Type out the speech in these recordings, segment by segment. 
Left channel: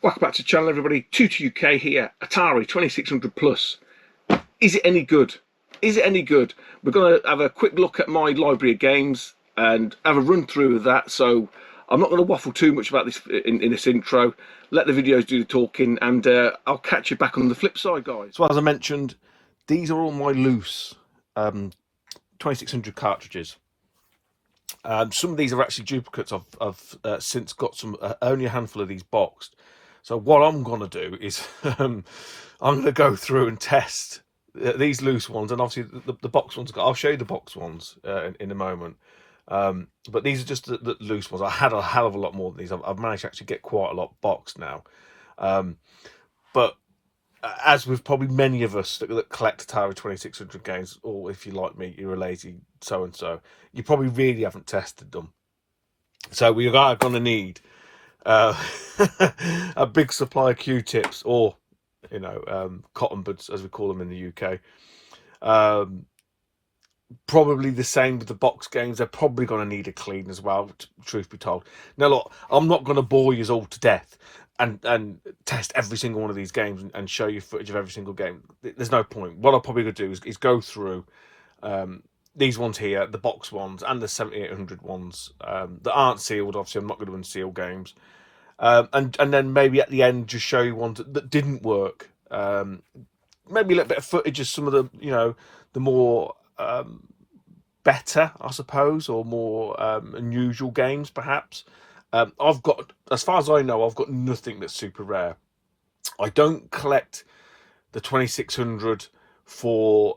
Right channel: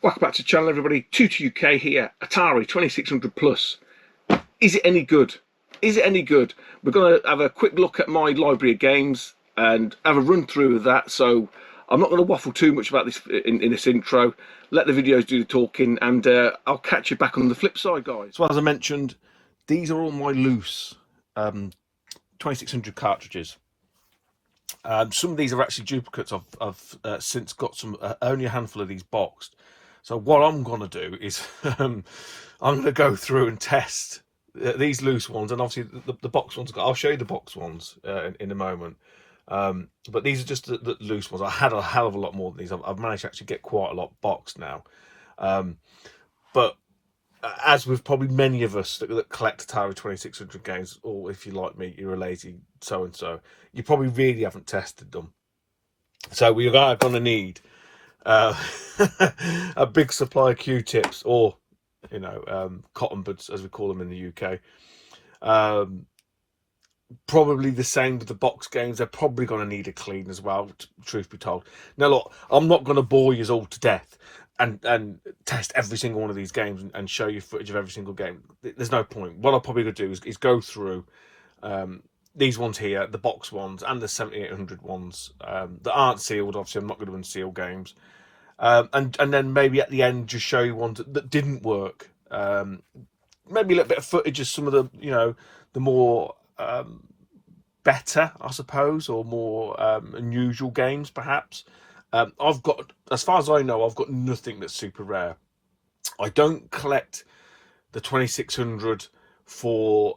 Welcome back to the channel, everybody. Tutor UK here. Atari 2600 Plus. Is it any good? Is it any good? We're going to have a quick look at my library of games and have a run through of that. So I'm not going to waffle too much about this in this intro. Let the videos do the talking, and I'll catch you back on the flip side, guys. So as I mentioned, these are all my loose 2600 cartridges. Some of these are actually duplicates. I've since got some, only a handful of these boxed. So what I'm going to do is I'm going to go through and test these loose ones, and obviously the box ones. I'll show you the box ones in a moment. But these are just the loose ones. I had a hell of a lot more than these. I've managed to actually get quite a lot boxed now. But as with probably many of us that collect Atari 2600 games, or if you like me, you're a lazy so-and-so, you probably really haven't tested them. So we are going to need a big supply of Q-tips, or cotton buds as we call them in the UK. Probably the same with the box games. They're probably going to need a clean as well, truth be told. Now look, I'm not going to bore you all to death and test every single one of these games and show you footage of every single game. There's no point. What I'll probably going to do is go through these ones here, the box ones and the 7800 ones that aren't sealed. Obviously I'm not going to unseal games, and then maybe at the end just show you ones that didn't work. Maybe a little bit of footage of some of the the more better, I suppose, or more unusual games perhaps. I've got, as far as I know, I've got nothing that's super rare. I don't collect the 2600 for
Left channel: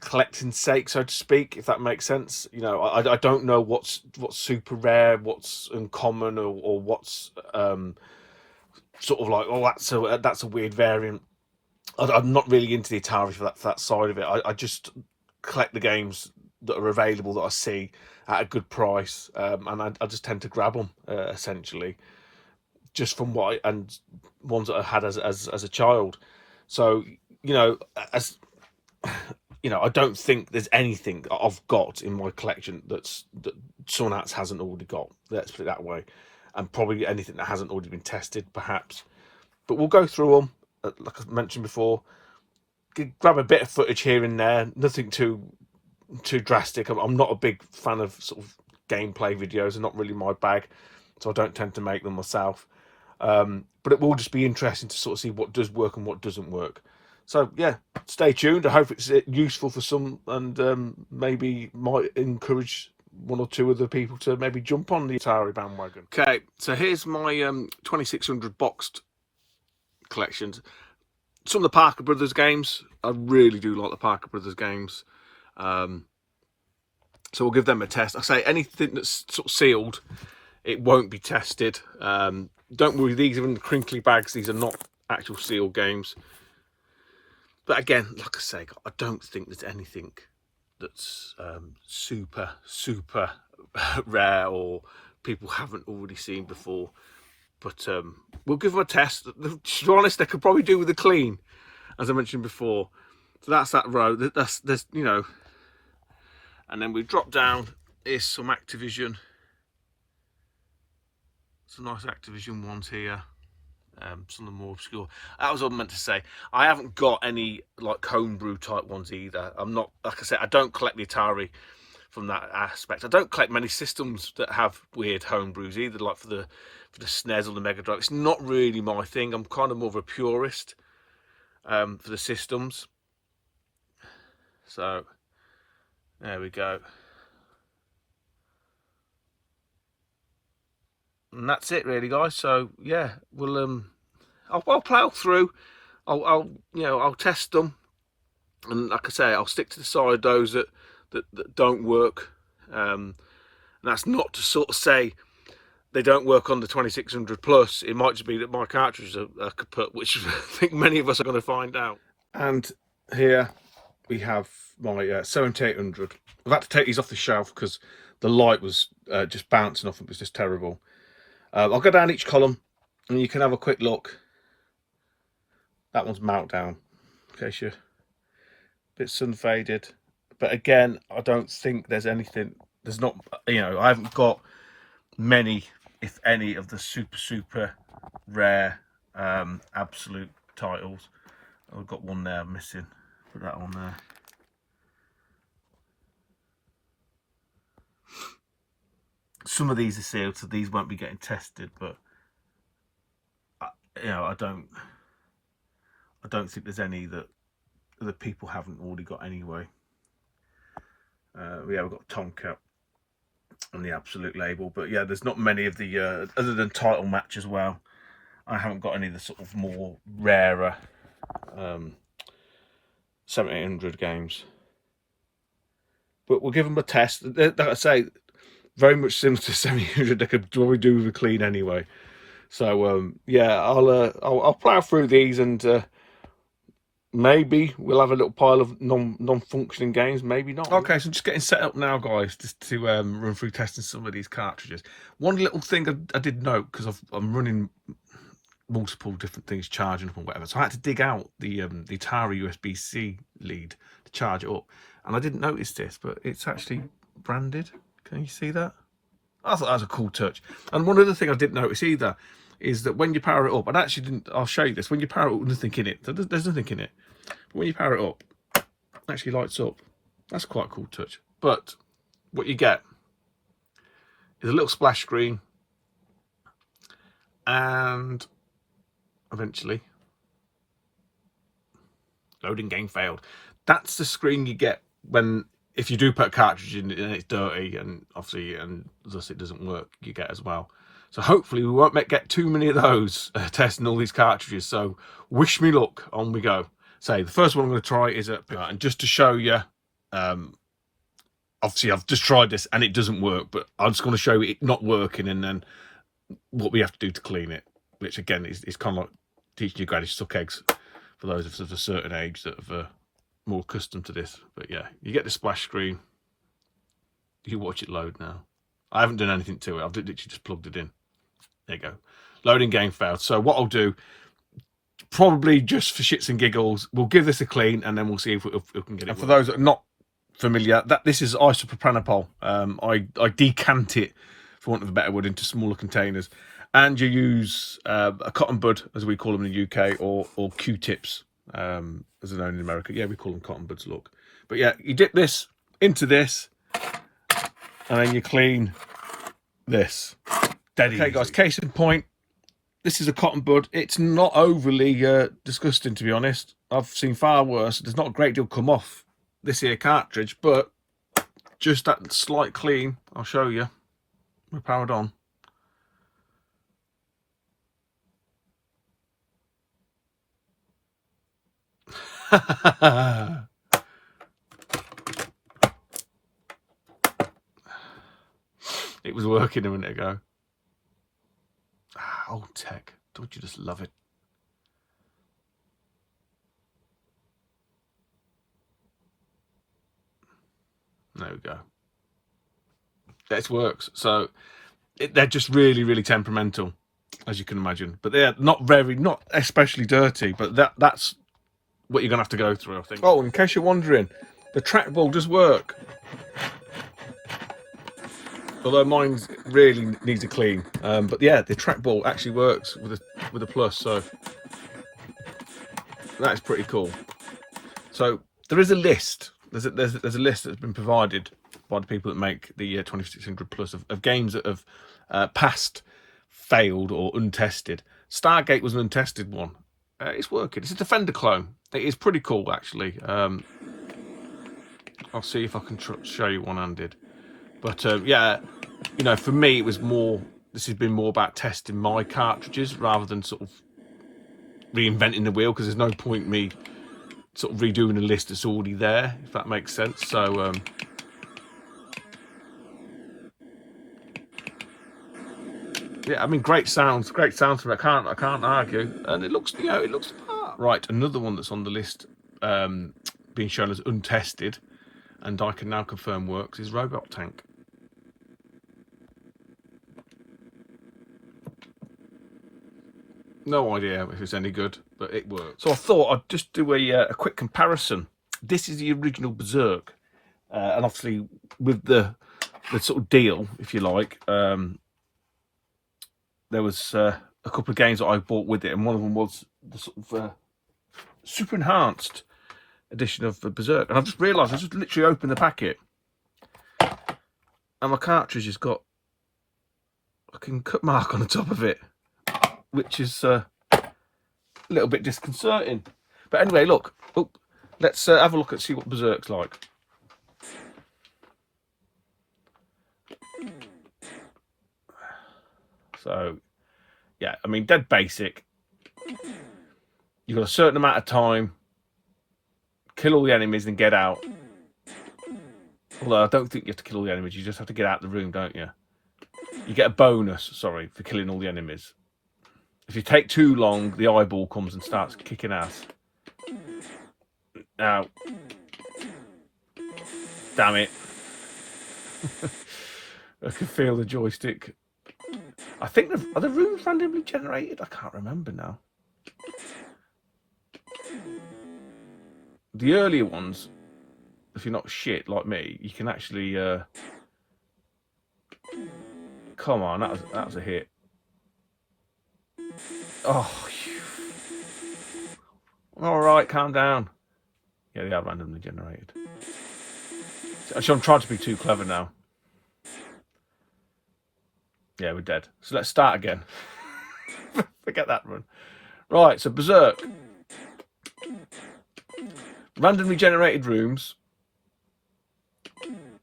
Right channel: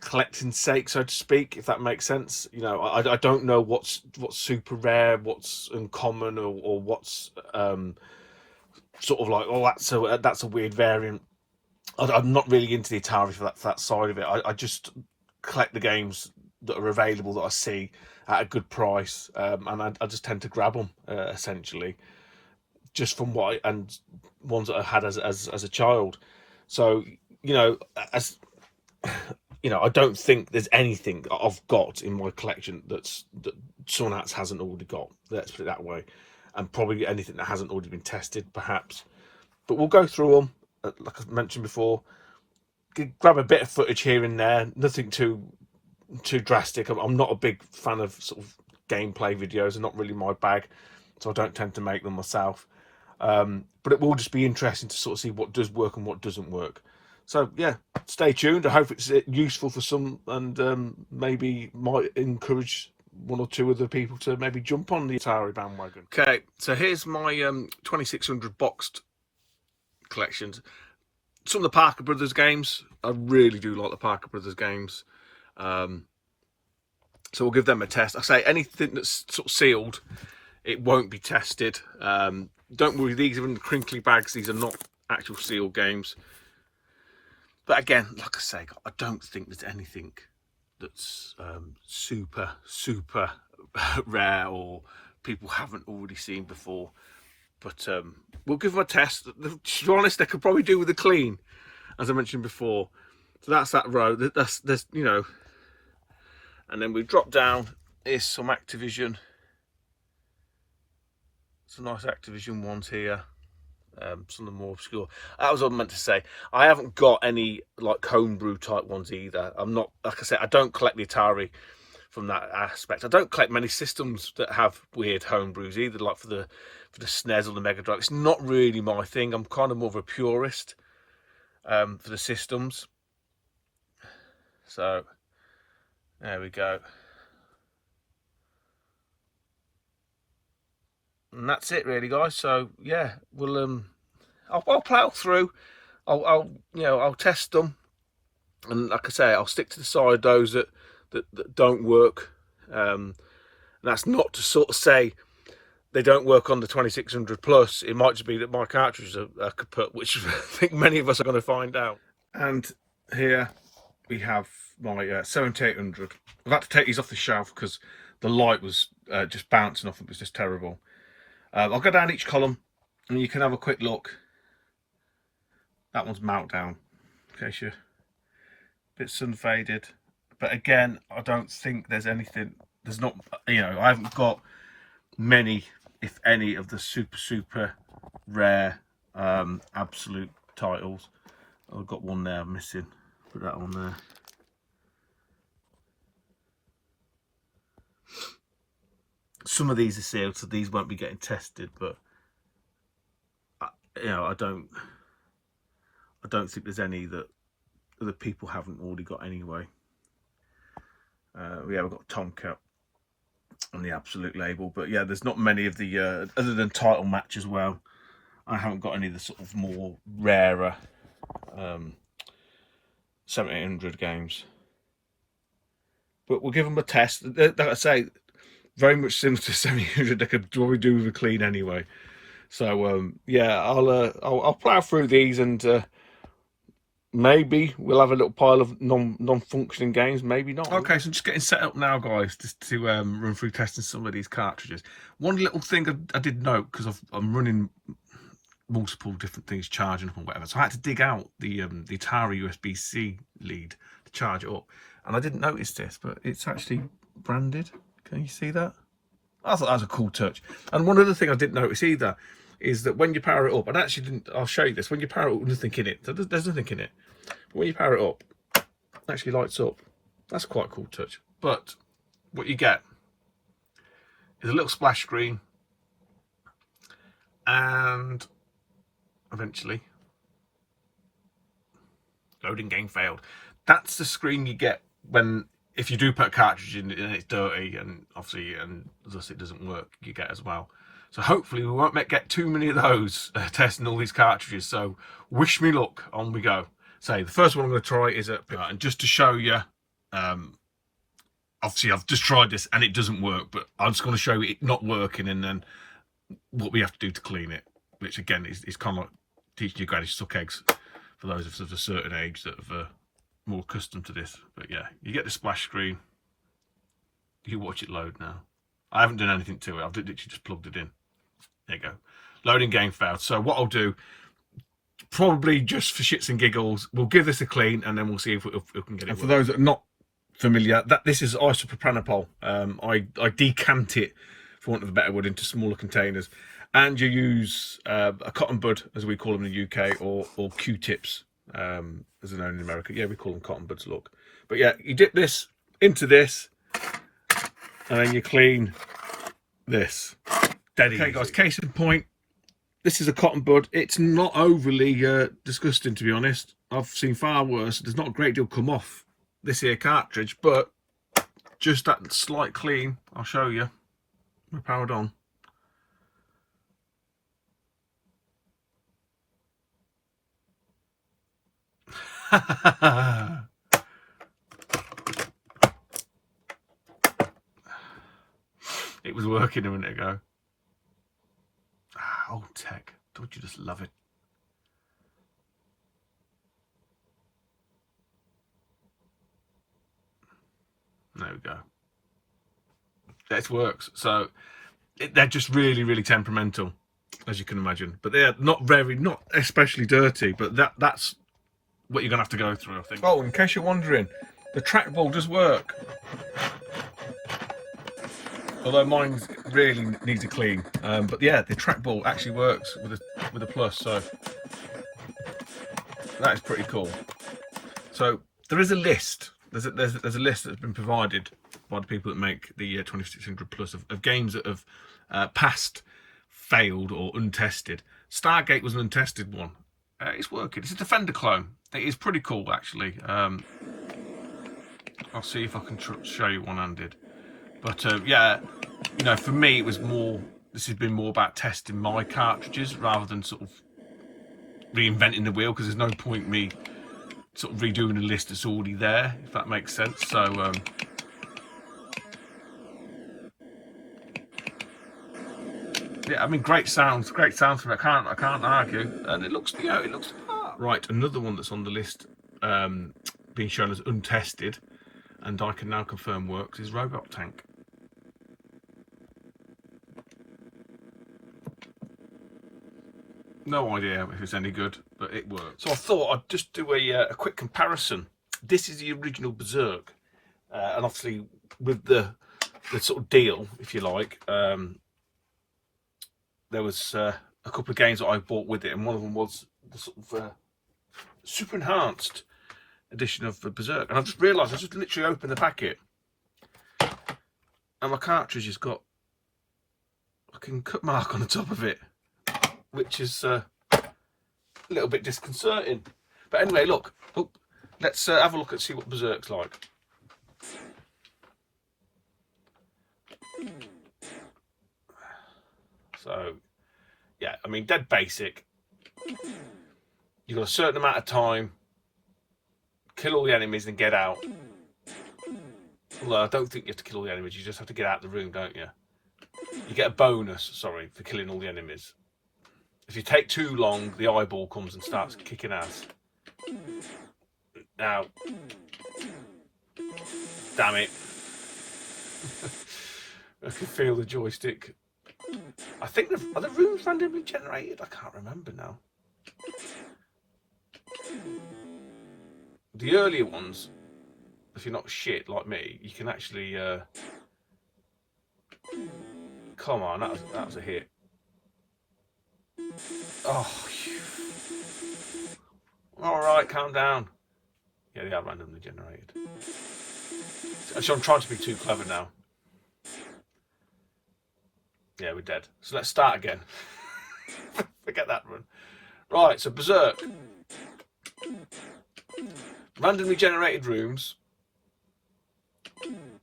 collecting sake, so to speak, if that makes sense. I don't know what's super rare, what's uncommon, or what's sort of like, oh, that's a weird variant. I'm not really into the Atari for that side of it. I just collect the games that are available that I see at a good price, and I just tend to grab them essentially, just from and ones that I had as a child. So as I don't think there's anything that I've got in my collection that someone else hasn't already got. Let's put it that way, and probably anything that hasn't already been tested, perhaps. But we'll go through them, like I mentioned before. Grab a bit of footage here and there, nothing too drastic. I'm not a big fan of sort of gameplay videos. They're not really my bag, so I don't tend to make them myself. But it will just be interesting to sort of see what does work and what doesn't work. So yeah, stay tuned. I hope it's useful for some, and maybe might encourage one or two other people to maybe jump on the Atari bandwagon. Okay, so here's my 2600 boxed collections. Some of the Parker Brothers games, I really do like the Parker Brothers games. So we'll give them a test. I say anything that's sort of sealed, it won't be tested. Don't worry, these are in the crinkly bags. These are not actual sealed games. But again, like I say, I don't think there's anything that's super rare or people haven't already seen before. But we'll give them a test. To be honest, they could probably do with a clean, as I mentioned before. So that's that row. There's and then we drop down. Here's some Activision. Some nice Activision ones here. Some of the more obscure. That was what I meant to say. I haven't got any like homebrew type ones either. I'm not, like I said, I don't collect the Atari from that aspect. I don't collect many systems that have weird homebrews either, like for the SNES or the Mega Drive. It's not really my thing. I'm kind of more of a purist for the systems. So there we go. And that's it really, guys. So yeah, we'll I'll plow through. I'll test them, and like I say, I'll stick to the side those that don't work. And that's not to sort of say they don't work on the 2600 plus. It might just be that my cartridges are kaput, which I think many of us are going to find out. And here we have my 7800. I've had to take these off the shelf because the light was just bouncing off. It was just terrible. I'll go down each column and you can have a quick look. That one's meltdown, in case you're a bit sun faded. But again, I don't think there's anything. There's not, I haven't got many, if any, of the super rare absolute titles. I've got one there missing. Put that on there. Some of these are sealed, so these won't be getting tested, but you know, I don't think there's any that other people haven't already got anyway. Yeah, we've got Tomcat on the absolute label, but yeah, there's not many of the other than title match as well. I haven't got any of the sort of more rarer 1700 games, but we'll give them a test. Like I say, very much similar to 1700. They could probably do with a clean anyway. So yeah, I'll plow through these, and maybe we'll have a little pile of non-functioning games, maybe not. Okay, so I'm just getting set up now, guys, just to run through testing some of these cartridges. One little thing I did note, because I'm running multiple different things charging up and whatever, so I had to dig out the Atari USB-C lead to charge it up, and I didn't notice this, but it's actually branded. Can you see that? I thought that was a cool touch. And one other thing I didn't notice either is that when you power it up, and actually didn't, I'll show you this, when you power it up, there's nothing in it. There's nothing in it. But when you power it up, it actually lights up. That's quite a cool touch. But what you get is a little splash screen, and eventually, loading game failed. That's the screen you get when, if you do put a cartridge in and it's dirty, and obviously, and thus it doesn't work, you get as well. So hopefully we won't get too many of those testing all these cartridges. So wish me luck. On we go. So the first one I'm going to try is and just to show you, obviously I've just tried this and it doesn't work, but I'm just going to show you it not working and then what we have to do to clean it, which again is kind of like teaching you granny suck eggs for those of a certain age that have more accustomed to this. But yeah, you get the splash screen, you watch it load now. I haven't done anything to it, I've literally just plugged it in. There you go. Loading game failed. So what I'll do, probably just for shits and giggles, we'll give this a clean and then we'll see if we can get it. And for those that are not familiar, this is isopropanol. I decant it, for want of a better word, into smaller containers, and you use a cotton bud, as we call them in the UK, or Q-tips, as they're known in America. Yeah, we call them cotton buds, look. But yeah, you dip this into this, and then you clean this. Dead easy. Okay, guys, case in point, this is a cotton bud. It's not overly disgusting, to be honest. I've seen far worse. There's not a great deal come off this here cartridge, but just that slight clean, I'll show you. We're powered on. It was working a minute ago. Old tech, don't you just love it? There we go. That works. So they're just really temperamental, as you can imagine. But they're not especially dirty. But that's what you're gonna have to go through, I think. Oh, in case you're wondering, the trackball does work. Although mine really needs a clean, but yeah, the trackball actually works with a plus, so that is pretty cool. So there is a list. There's a list that's been provided by the people that make the 2600 Plus of games that have passed, failed, or untested. Stargate was an untested one. It's working. It's a Defender clone. It is pretty cool, actually. I'll see if I can show you one-handed. But yeah, you know, for me, it was more. This has been more about testing my cartridges rather than sort of reinventing the wheel, because there's no point me sort of redoing a list that's already there, if that makes sense. So yeah, I mean, great sounds from it. I can't argue, and it looks, you know, it looks right. Another one that's on the list, being shown as untested, and I can now confirm works, is Robot Tank. No idea if it's any good, but it works. So I thought I'd just do a quick comparison. This is the original Berserk, and obviously with the sort of deal, if you like, there was a couple of games that I bought with it, and one of them was the sort of super enhanced edition of Berserk. And I've just realised I just literally opened the packet, and my cartridge has got a fucking cut mark on the top of it, which is a little bit disconcerting. But anyway, look, let's have a look and see what Berserk's like. So, yeah, I mean, dead basic. You've got a certain amount of time, kill all the enemies and get out. Although I don't think you have to kill all the enemies, you just have to get out of the room, don't you? You get a bonus, sorry, for killing all the enemies. If you take too long, the eyeball comes and starts kicking ass. Now, damn it. I can feel the joystick. I think, are the rooms randomly generated? I can't remember now. The earlier ones, if you're not shit like me, you can actually... Come on, that was a hit. Oh, alright, calm down. Yeah, they are randomly generated. Actually, I'm trying to be too clever now. Yeah, we're dead. So let's start again. Forget that run. Right, so Berserk. Randomly generated rooms.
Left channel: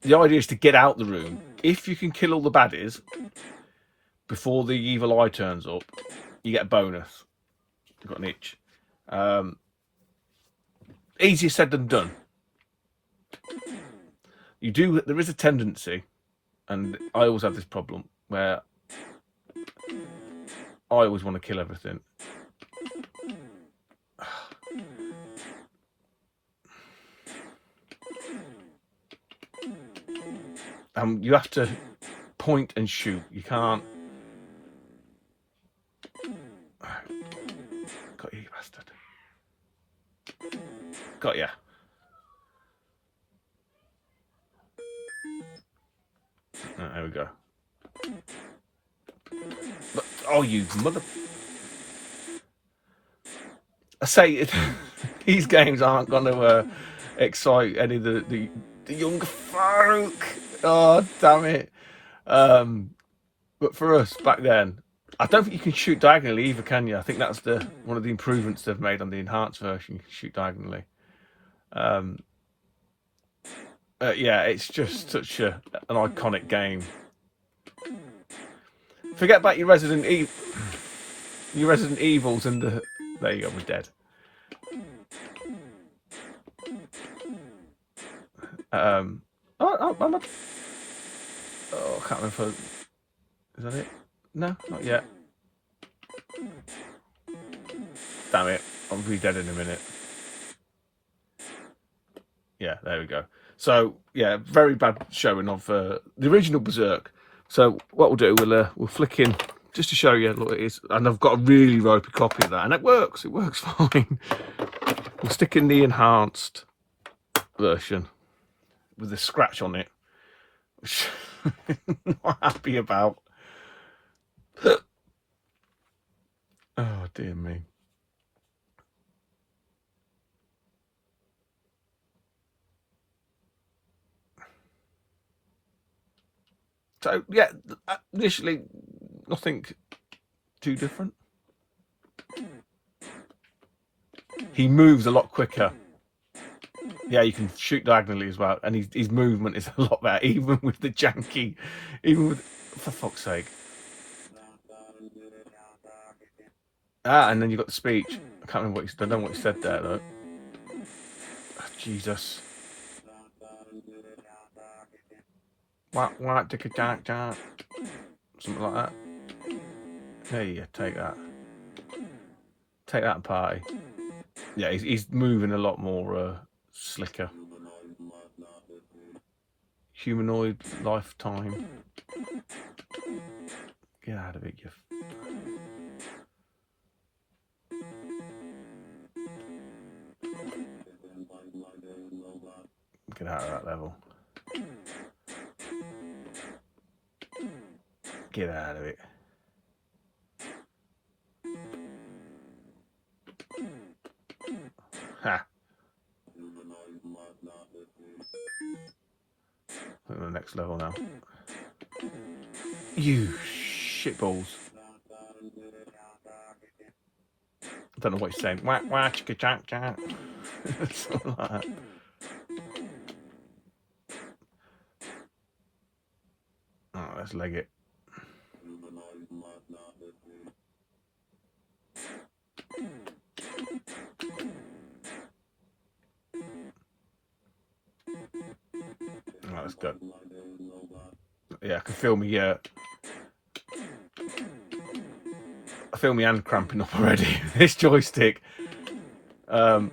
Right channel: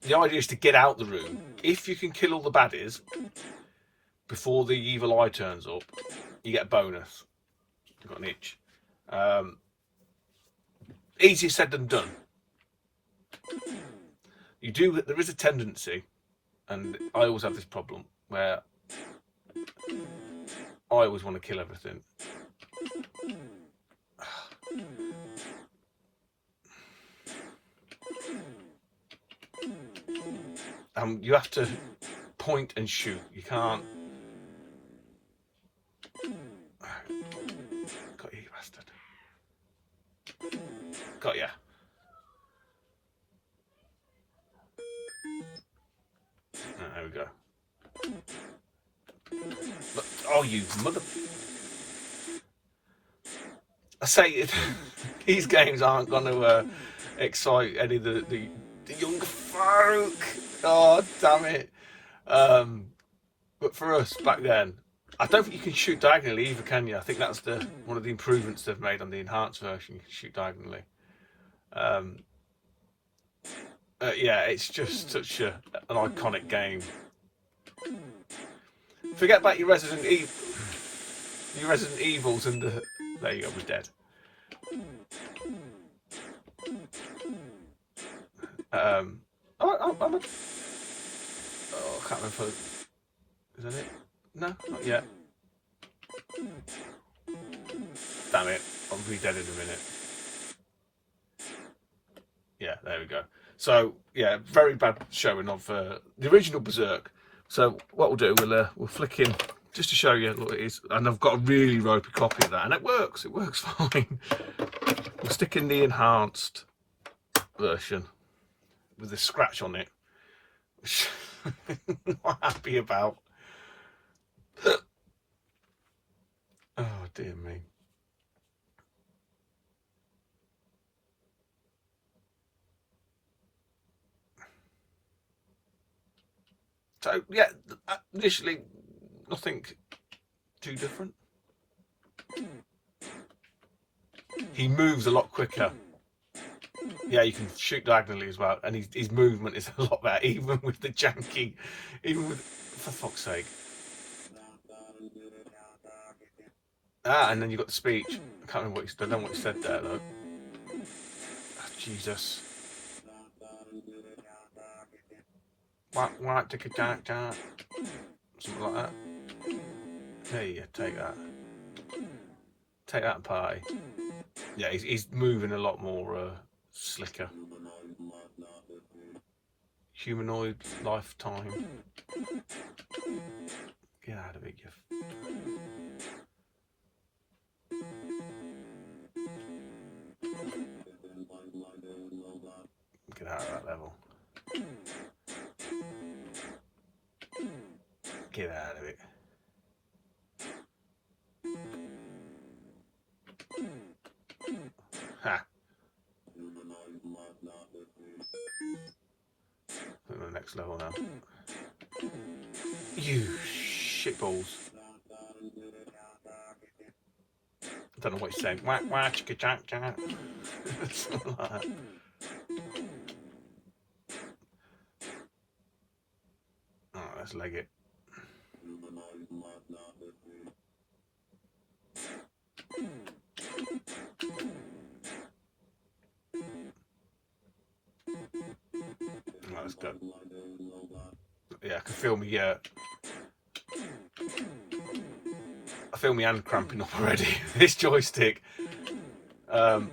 The idea is to get out the room. If you can kill all the baddies before the evil eye turns up, you get a bonus. You've got an itch. Easier said than done. There is a tendency, and I always have this problem, where I always want to kill everything. You have to point and shoot. You can't. Got you, bastard. Got ya. There we go. But, oh, you mother. I say these games aren't going to excite any of the young folk. Oh, damn it. But for us back then, I don't think you can shoot diagonally either, can you? I think that's one of the improvements they've made on the enhanced version. You can shoot diagonally. Yeah, it's just such an iconic game. Forget about your Resident Evils and the... There you go, we're dead. I'm not... Oh, I can't remember. Is that it? No, not yet. Damn it. I'll be dead in a minute. Yeah, there we go. So, yeah, very bad showing of the original Berserk. So, what we'll do, we'll flick in just to show you what it is. And I've got a really ropey copy of that. And it works fine. I'm sticking the enhanced version with a scratch on it. Which I'm not happy about. Oh, dear me. So, yeah, initially, nothing too different. He moves a lot quicker. Yeah, you can shoot diagonally as well, and his movement is a lot better, even with the janky, for fuck's sake. And then you've got the speech. I can't remember what I don't know what he said there, though. Oh, Jesus. Something like that. There you go, take that. Take that, party. Yeah, he's moving a lot more slicker. Humanoid lifetime. Get out of it, you. Get out of that level. Get out of it. level now. You shitballs. I don't know what he's saying. Whack, whack, chicka, chak, chak. Something like that. Oh, let's leg it. Oh, let's go. Yeah, I can feel me. I feel my hand cramping up already. This joystick. Oh,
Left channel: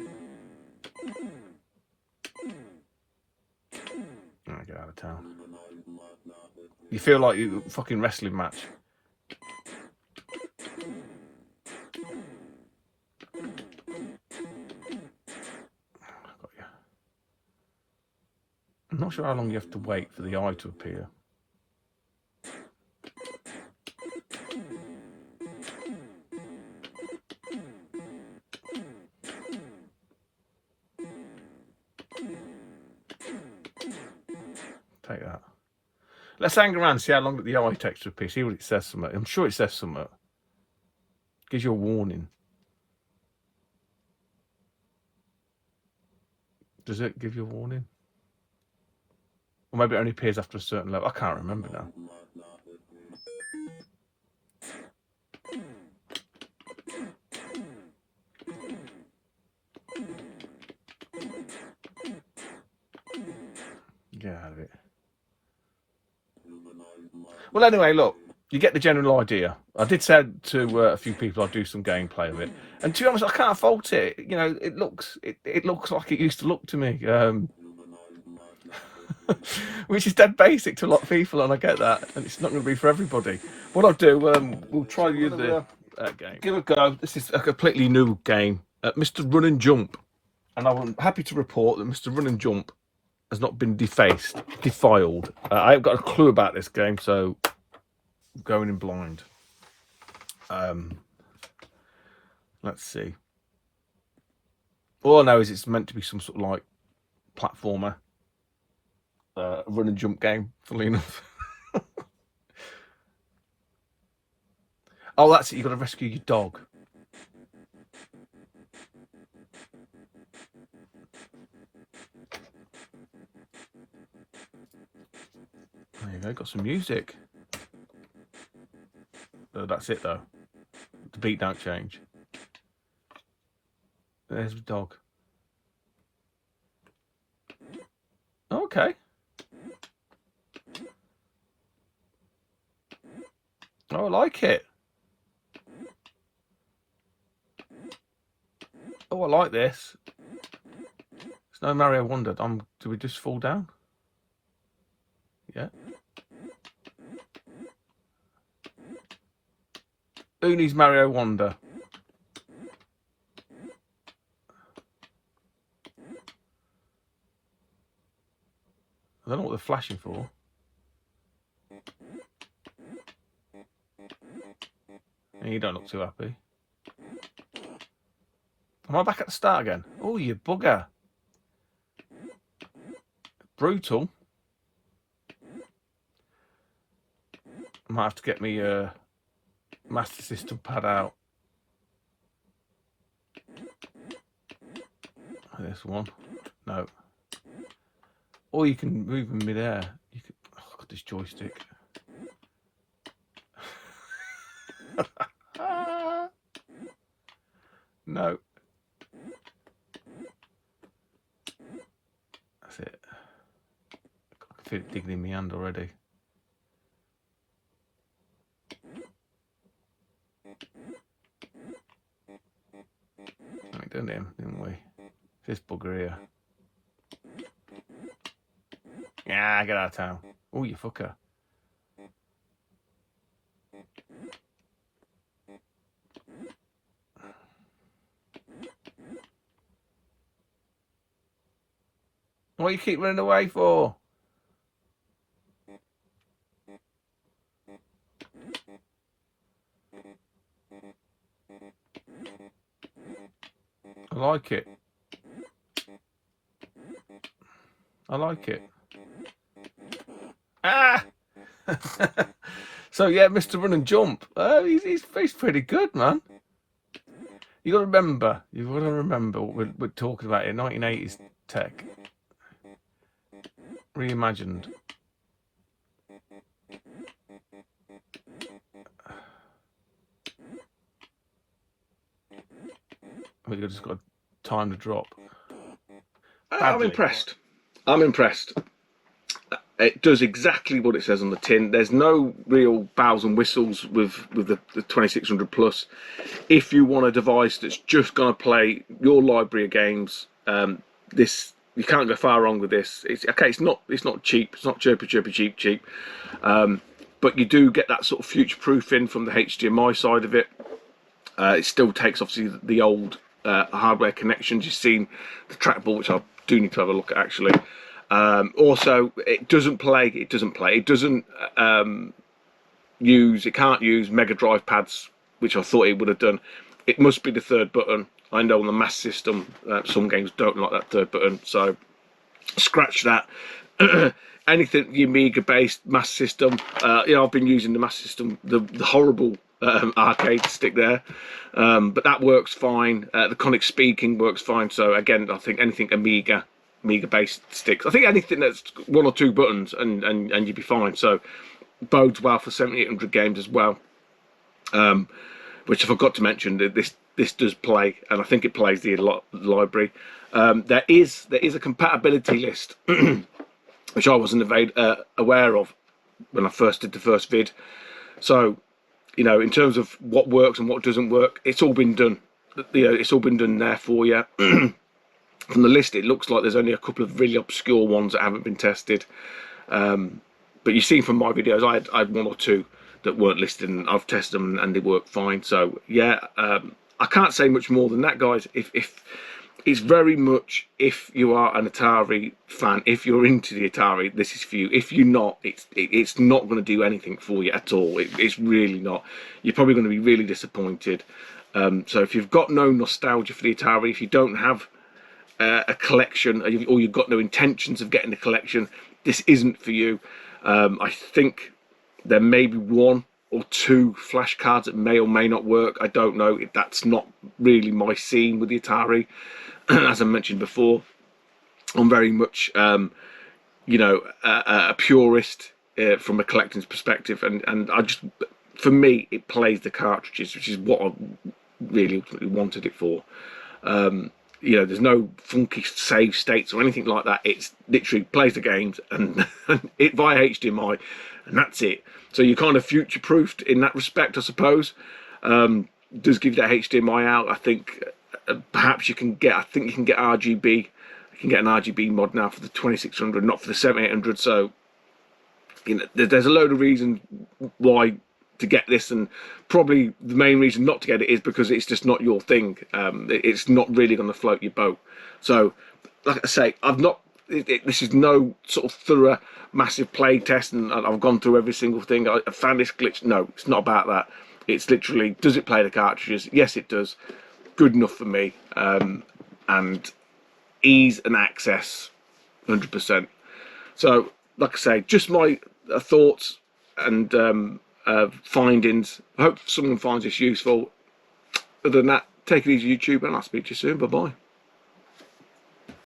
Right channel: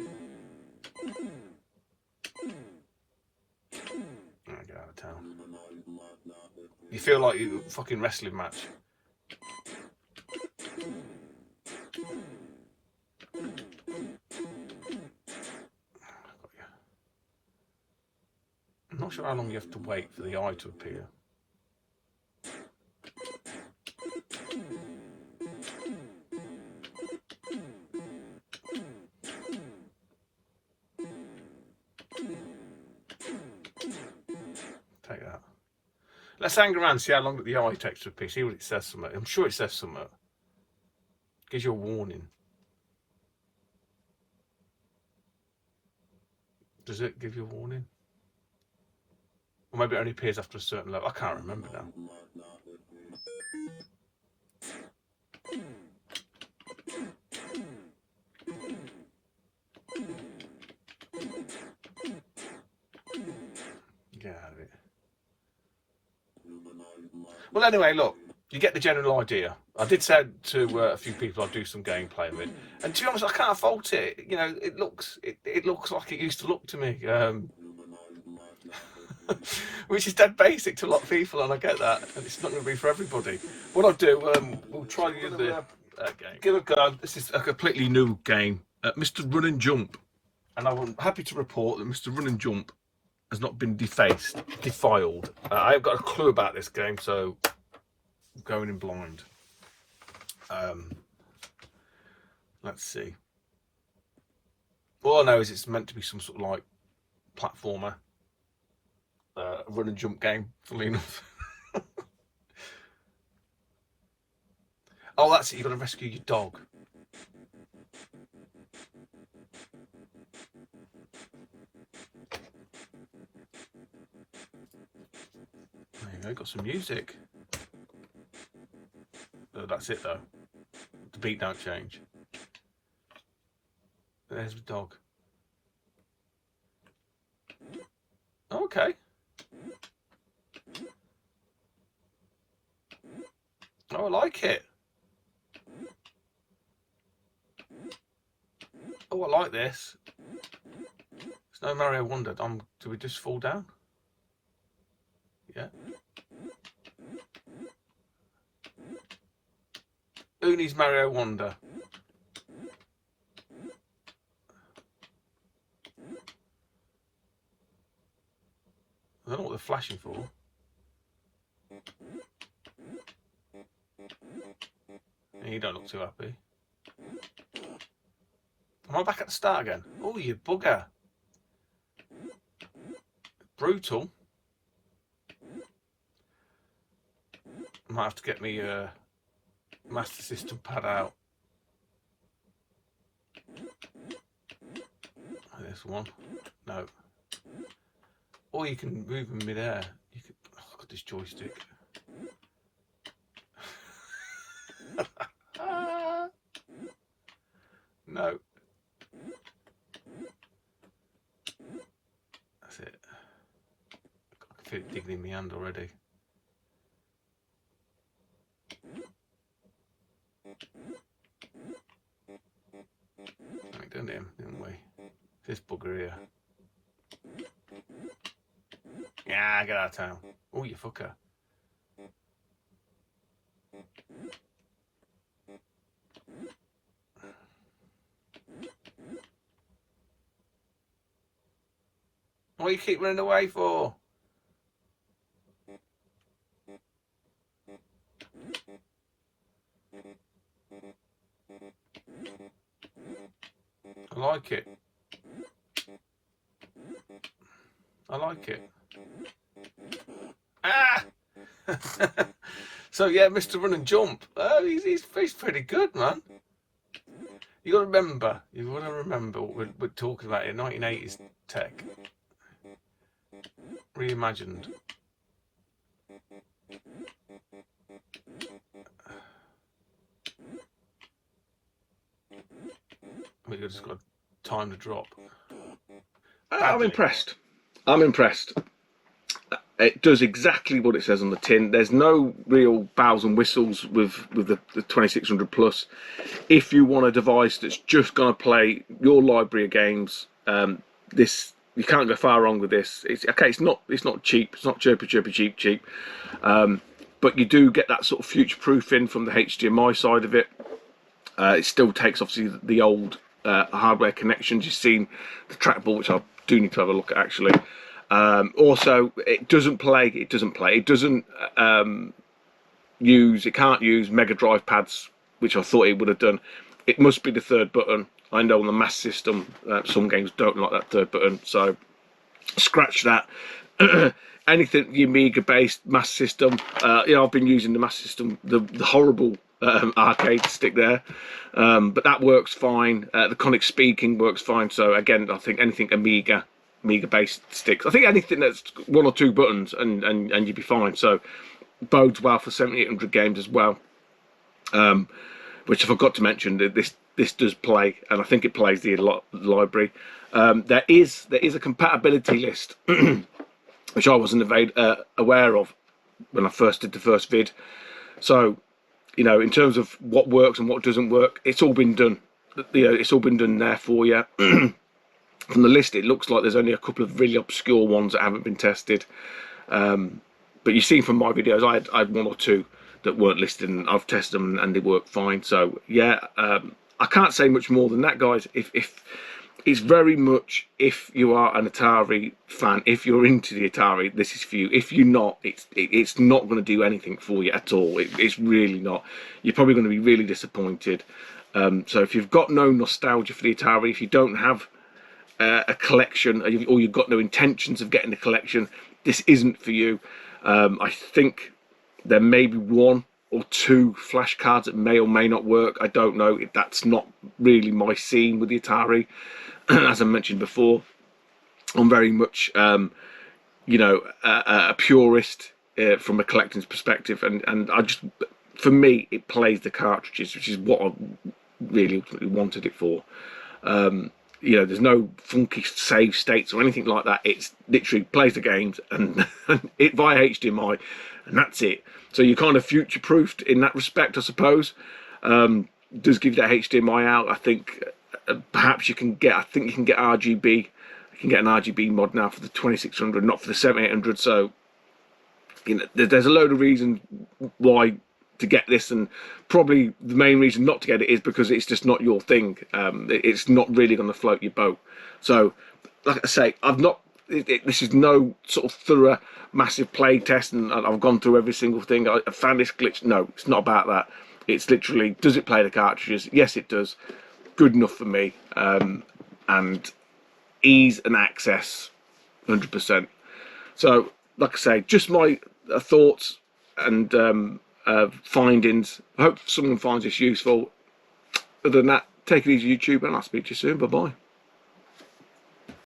get out of town. You feel like you fucking wrestling match. I'm not sure how long you have to wait for the eye to appear. Take that. Let's hang around and see how long the eye takes to appear. See what it says something. I'm sure it says something. Gives you a warning. Does it give you a warning? Or maybe it only appears after a certain level. I can't remember now. Get out of it. Well, anyway, look, you get the general idea. I did say to a few people I'd do some gameplay of it, and to be honest, I can't fault it. You know, it looks like it used to look to me, which is dead basic to a lot of people, and I get that, and it's not going to be for everybody. What I'll do, we'll try use the game. Give it a go. This is a completely new game, Mr. Run and Jump, and I'm happy to report that Mr. Run and Jump has not been defiled. I haven't got a clue about this game, so I'm going in blind. Let's see. All I know is it's meant to be some sort of like platformer, run and jump game, funnily enough. Oh, that's it. You've got to rescue your dog. There you go. Got some music. That's it though. The beat don't change. There's the dog. Okay. Oh, I like it. Oh, I like this. It's no Mario Wonder. Do we just fall down? Yeah. Who needs Mario Wonder? I don't know what they're flashing for. And you don't look too happy. Am I back at the start again? Oh, you bugger. Brutal. I might have to get me Master System pad out. This one. No. Or you can move in midair. You can. Oh, look at this joystick. No. That's it. I feel it digging in my hand already. We done him, didn't we? This bugger here. Yeah, get out of town. Oh, you fucker. What do you keep running away for? I like it. I like it. So yeah, Mr. Run and Jump, he's pretty good, man. You've got to remember what we're talking about here. 1980s tech, reimagined. We've just got time to drop. I'm impressed. I'm impressed. It does exactly what it says on the tin. There's no real bells and whistles with the 2600 plus. If you want a device that's just going to play your library of games, this, you can't go far wrong with this. It's okay. It's not cheap. It's not chirpy cheap. But you do get that sort of future proofing from the HDMI side of it. It still takes obviously the old hardware connections. You've seen the trackball, which I do need to have a look at actually. Also, it doesn't play. It can't use Mega Drive pads, which I thought it would have done. It must be the third button. I know on the Mass System, some games don't like that third button, so scratch that. Anything the Amiga-based Mass System, I've been using the Mass System, the horrible arcade stick there, but that works fine. The Conic Speaking works fine. So again, I think anything Amiga-based sticks. I think anything that's one or two buttons and you'd be fine. So bodes well for 7800 games as well. Which I forgot to mention, that this does play, and I think it plays the library. There is a compatibility list, which I wasn't aware of when I first did the first vid. So, in terms of what works and what doesn't work, it's all been done. It's all been done there for you. From the list, it looks like there's only a couple of really obscure ones that haven't been tested. But you've seen from my videos, I had one or two that weren't listed, and I've tested them and they work fine. So yeah, I can't say much more than that, guys. If it's very much, if you are an Atari fan, if you're into the Atari, this is for you. If you're not, it's not going to do anything for you at all. It's really not. You're probably going to be really disappointed. So if you've got no nostalgia for the Atari, if you don't have a collection, or you've got no intentions of getting a collection, this isn't for you. I think there may be one or two flashcards that may or may not work. I don't know. That's not really my scene with the Atari. As I mentioned before, I'm very much, a purist from a collecting's perspective, and I just, for me, it plays the cartridges, which is what I really ultimately wanted it for. There's no funky save states or anything like that. It's literally plays the games and it via HDMI, and that's it. So you're kind of future-proofed in that respect, I suppose. Does give that HDMI out. I think perhaps you can get RGB. You can get an RGB mod now for the 2600, not for the 7800. So there's a load of reasons why to get this, and probably the main reason not to get it is because it's just not your thing. It's not really going to float your boat. So, like I say, this is no sort of thorough, massive play test, and I've gone through every single thing. I found this glitch. No, it's not about that. It's literally, does it play the cartridges? Yes, it does. Good enough for me. And ease and access, 100%. So, like I say, just my thoughts and findings. I hope someone finds this useful. Other than that, take it easy, YouTube, and I'll speak to you soon. Bye bye.